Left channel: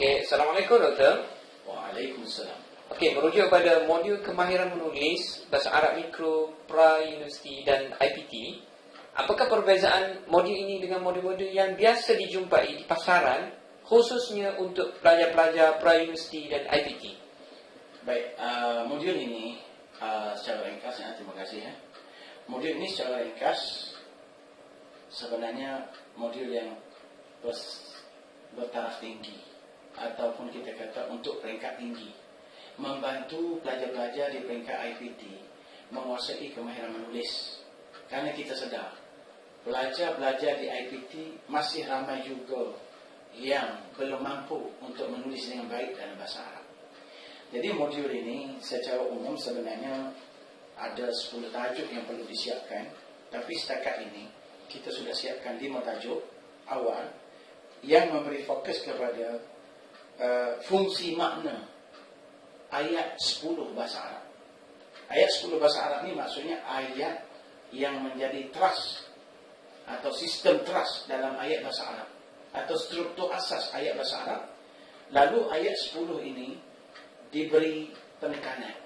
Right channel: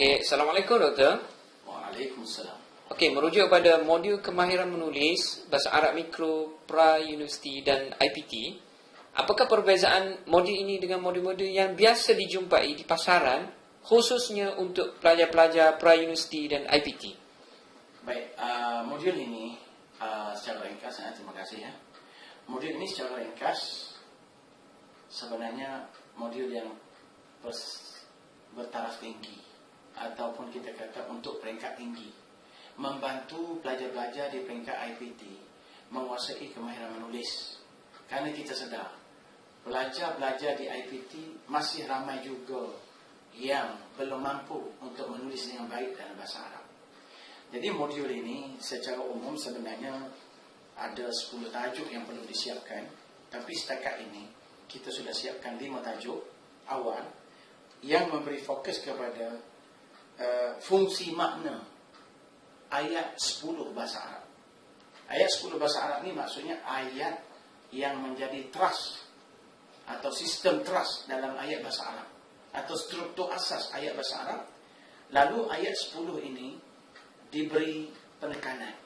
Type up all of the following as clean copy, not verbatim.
Okey, Assalamualaikum Doktor. Waalaikumsalam. Okey, merujuk pada modul kemahiran menulis Bahasa Arab Mikro, Pra-Universiti dan IPT, apakah perbezaan modul ini dengan modul-modul yang biasa dijumpai di pasaran, khususnya untuk pelajar-pelajar Pra-Universiti dan IPT? Baik, modul ini secara ringkas, terima kasih ya. Modul ini secara ringkas sebenarnya modul yang bertaraf tinggi, ataupun kita kata untuk peringkat tinggi, membantu pelajar-pelajar di peringkat IPT menguasai kemahiran menulis. Karena kita sedar pelajar-pelajar di IPT masih ramai juga yang belum mampu untuk menulis dengan baik dalam bahasa Arab. Jadi modul ini secara umum sebenarnya ada 10 tajuk yang perlu disiapkan, tapi setakat ini kita sudah siapkan 5 tajuk awal yang memberi fokus kepada fungsi makna ayat 10 bahasa Arab. Ayat 10 bahasa Arab ini maksudnya ayat yang menjadi trust atau sistem trust dalam ayat bahasa Arab, atau struktur asas ayat bahasa Arab. Lalu ayat 10 ini diberi penekanan.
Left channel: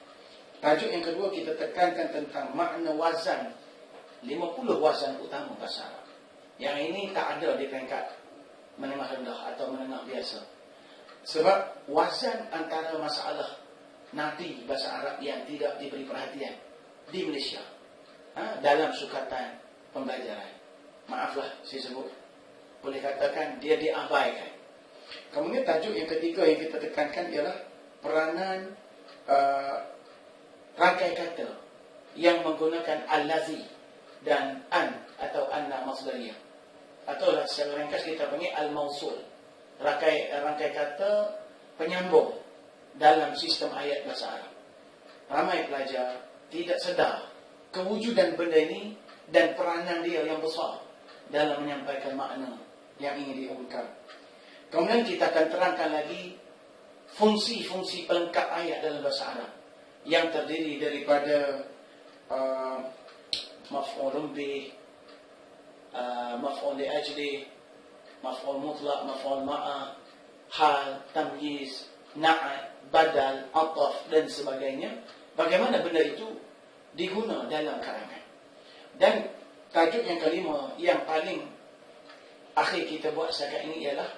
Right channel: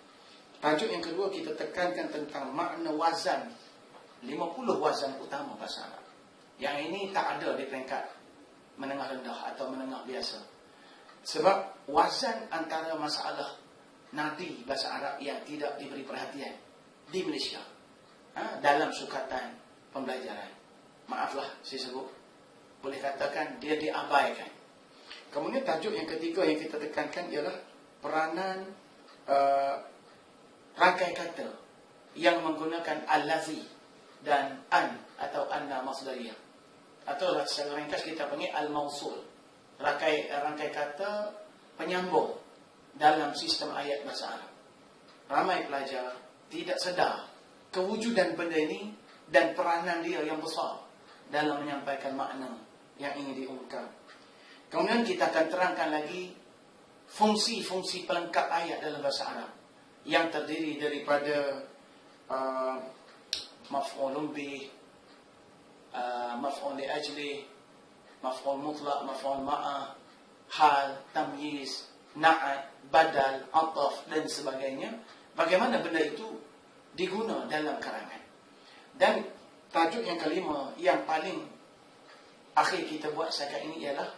Tajuk yang kedua kita tekankan tentang makna wazan, 50 wazan utama bahasa Arab. Yang ini tak ada di peringkat menengah rendah atau menengah biasa. Sebab wazan antara masalah nanti bahasa Arab yang tidak diberi perhatian di Malaysia dalam sukatan pembelajaran. Maaflah saya sebut, boleh katakan dia diabaikan. Kemudian tajuk yang ketiga yang kita tekankan ialah peranan rangkai kata yang menggunakan al-lazi dan an atau anna masdariyah, atau secara ringkas kita panggil al-mausul, rangkai kata penyambung dalam sistem ayat bahasa Arab. Ramai pelajar tidak sedar kewujudan benda ini dan peranan dia yang besar dalam menyampaikan makna yang ingin diungkap. Kemudian kita akan terangkan lagi fungsi-fungsi pelengkap ayat dalam bahasa Arab yang terdiri daripada maf'ulun bih, maf'ul li ajli, maf'ul mutlaq, maf'ul ma'ah, hal, tamyiz, na'at, badal, ataf dan sebagainya. Bagaimana benda itu diguna dalam karangan. Dan tajuk yang kelima yang paling akhir kita buat setakat ini ialah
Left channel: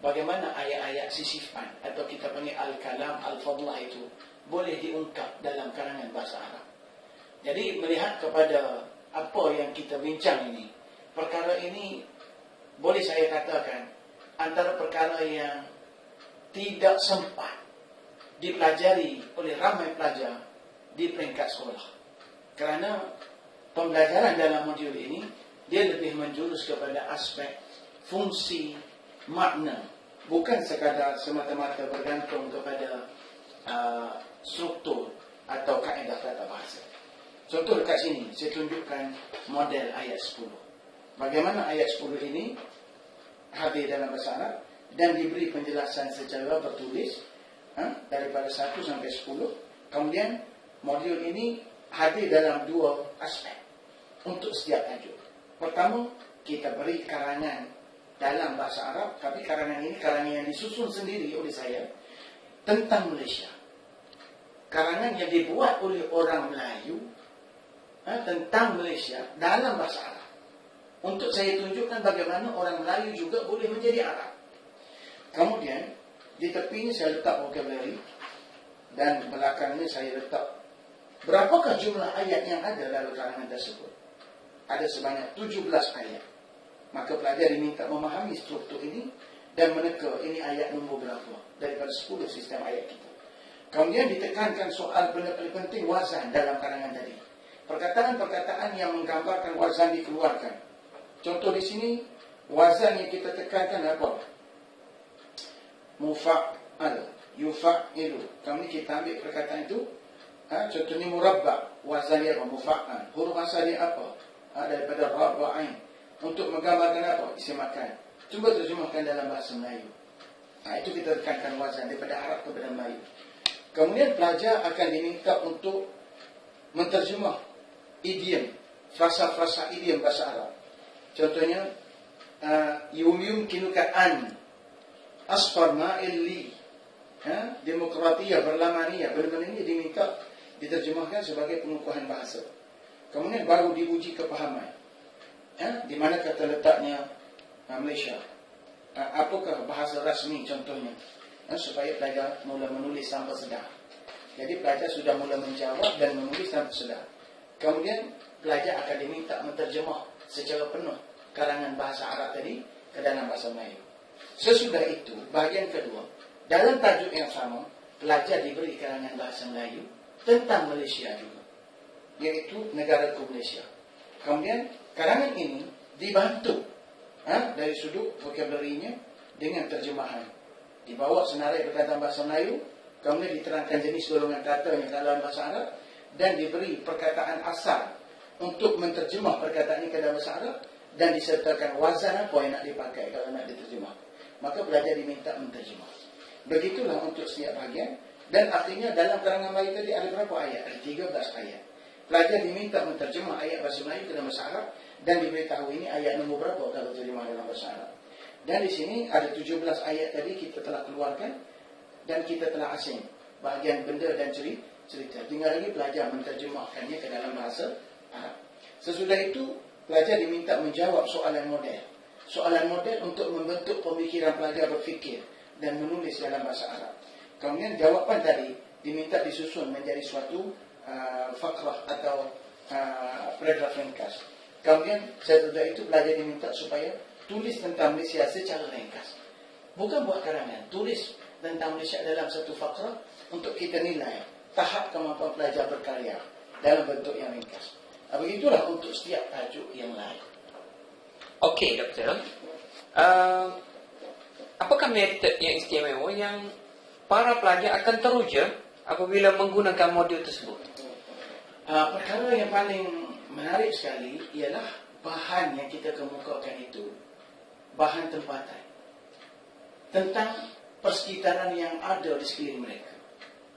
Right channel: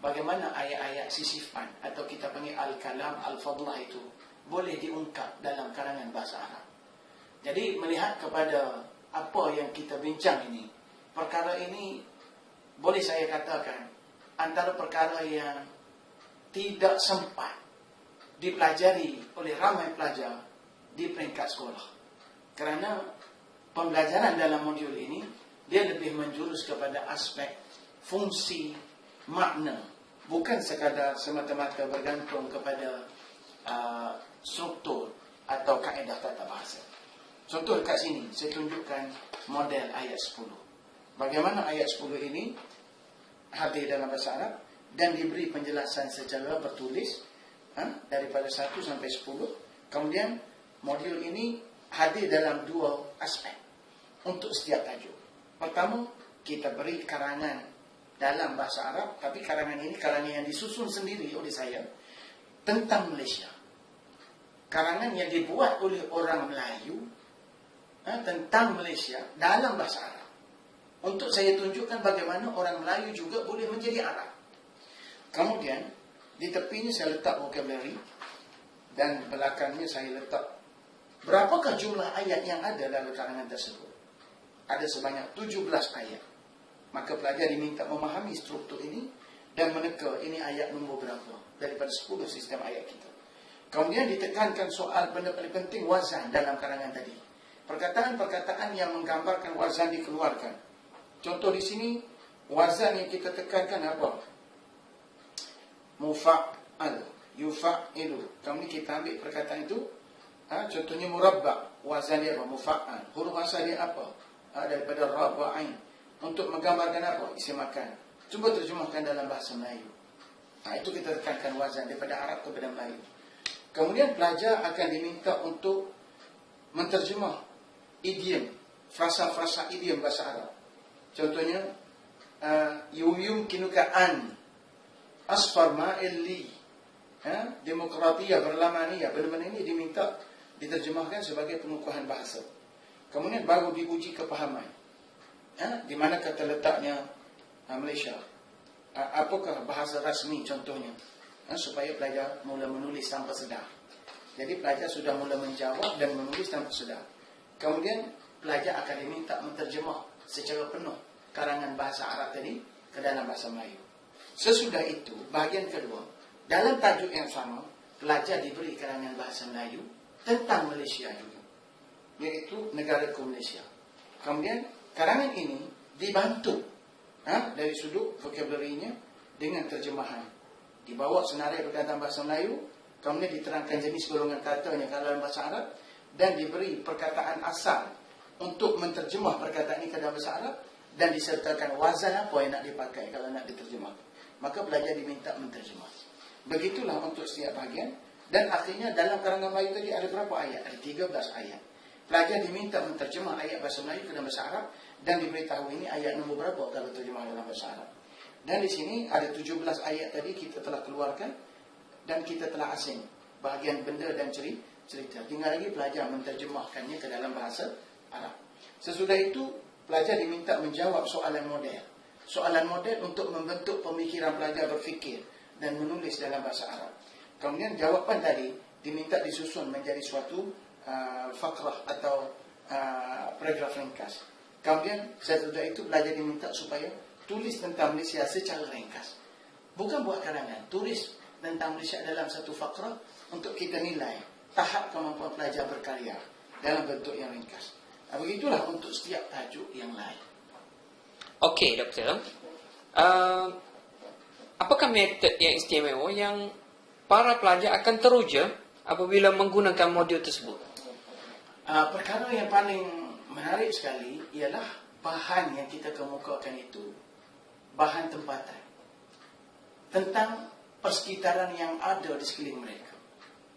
bagaimana ayat-ayat sisifan atau kita panggil al-kalam al-fadlah itu boleh diungkap dalam karangan bahasa Arab. Jadi melihat kepada apa yang kita bincang ini, perkara ini boleh saya katakan antara perkara yang tidak sempat dipelajari oleh ramai pelajar di peringkat sekolah. Kerana pembelajaran dalam modul ini dia lebih menjurus kepada aspek fungsi makna, bukan sekadar semata-mata bergantung kepada struktur atau kaedah tata bahasa. Contoh dekat sini saya tunjukkan model ayat 10. Bagaimana ayat 10 ini hadir dalam bahasa Arab dan diberi penjelasan secara bertulis daripada 1 sampai 10. Kemudian modul ini hadir dalam 2 aspek untuk setiap tajuk. Pertama, kita beri karangan dalam bahasa Arab, tapi karangan ini karangan yang disusun sendiri oleh saya tentang Malaysia. Karangan yang dibuat oleh orang Melayu tentang Malaysia dalam bahasa Arab, untuk saya tunjukkan bagaimana orang Melayu juga boleh menjadi Arab. Kemudian di tepi ini saya letak vocabulary, dan belakang ini saya letak berapakah jumlah ayat yang ada dalam karangan tersebut. Ada sebanyak 17 ayat. Maka pelajar diminta memahami struktur ini dan meneka ini ayat nombor berapa daripada 10 sistem ayat kita. Kemudian ditekankan soal benda paling penting, wazan dalam karangan tadi. Perkataan-perkataan yang menggambarkan wazan dikeluarkan. Contoh di sini, wazan yang kita tekankan apa? Mufa'al, yufa'ilu. Kami kita ambil perkataan itu. Contohnya murabba, wazan dia apa? Mufa'al. Huruf asal dia apa? Daripada rabba'ain. Untuk menggambarkan apa? Isimakan. Cuba terjemahkan dalam bahasa Melayu. Itu kita tekankan wazan daripada Arab kepada Melayu. Kemudian pelajar akan diminta untuk menterjemah idiom, frasa-frasa idiom bahasa Arab. Contohnya yumkinuka an asfar ma'il li. Demokratia, berlamania, benda-benda ini diminta diterjemahkan sebagai pengukuhan bahasa. Kemudian baru diuji kepahaman. Di mana kata letaknya Malaysia? Apakah bahasa rasmi contohnya? Supaya pelajar mula menulis tanpa sedar. Jadi pelajar sudah mula menjawab dan menulis tanpa sedar. Kemudian pelajar akan diminta menterjemah secara penuh karangan bahasa Arab tadi ke dalam bahasa Melayu. Sesudah itu, bahagian kedua, dalam tajuk yang sama, pelajar diberi karangan bahasa Melayu tentang Malaysia juga, iaitu negara Malaysia. Kemudian karangan ini dibantu dari sudut vocabulary-nya dengan terjemahan. Dibawa senarai perkataan bahasa Melayu, kemudian diterangkan jenis golongan kata yang dalam bahasa Arab, dan diberi perkataan asal untuk menterjemah perkataan ini ke dalam bahasa Arab, dan disertakan wazan apa yang nak dipakai kalau nak diterjemah. Maka pelajar diminta menterjemah. Begitulah untuk setiap bahagian. Dan akhirnya dalam karangan Melayu tadi ada berapa ayat? Ada 13 ayat. Pelajar diminta menterjemah ayat bahasa Melayu ke dalam bahasa Arab, dan diberitahu ini ayat nombor berapa kalau terjemah dalam bahasa Arab. Dan di sini ada 17 ayat tadi kita telah keluarkan dan kita telah asing bahagian benda dan cerita. Tinggal lagi pelajar menterjemahkannya ke dalam bahasa Arab. Sesudah itu pelajar diminta menjawab soalan model. Soalan model untuk membentuk pemikiran pelajar berfikir dan menulis dalam bahasa Arab. Kemudian jawapan tadi diminta disusun menjadi suatu fakrah atau paragraf ringkas. Kemudian sesudah itu pelajar diminta supaya tulis tentang Malaysia secara ringkas. Bukan buat karangan, tulis tentang Malaysia dalam satu fakrah untuk kita nilai tahap kemampuan pelajar berkarya dalam bentuk yang ringkas. Nah, begitulah untuk setiap tajuk yang lain. Okey, Doktor. Apakah metod yang istimewa yang para pelajar akan teruja apabila menggunakan modul tersebut? Perkara yang paling menarik sekali ialah bahan yang kita kemukakan itu bahan tempatan tentang persekitaran yang ada di sekeliling mereka.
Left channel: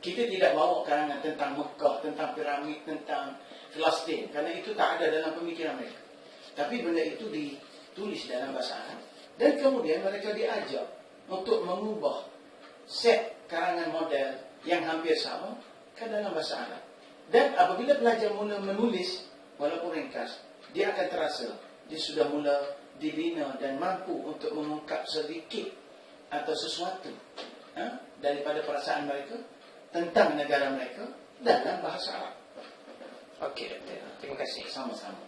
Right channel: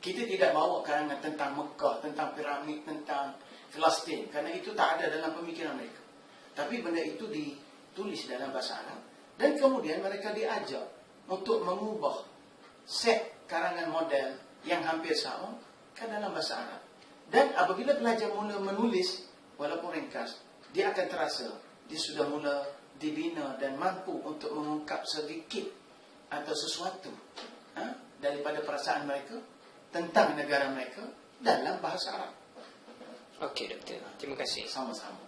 Kita tidak bawa karangan tentang Mekah, tentang piramid, tentang Palestin, kerana itu tak ada dalam pemikiran mereka. Tapi benda itu ditulis dalam bahasa Arab, dan kemudian mereka diajak untuk mengubah set karangan model yang hampir sama ke dalam bahasa Arab. Dan apabila pelajar mula menulis, walaupun ringkas, dia akan terasa dia sudah mula dibina dan mampu untuk mengungkap sedikit atau sesuatu daripada perasaan mereka tentang negara mereka dalam bahasa Arab. Okey, Doktor. Terima kasih. Sama-sama.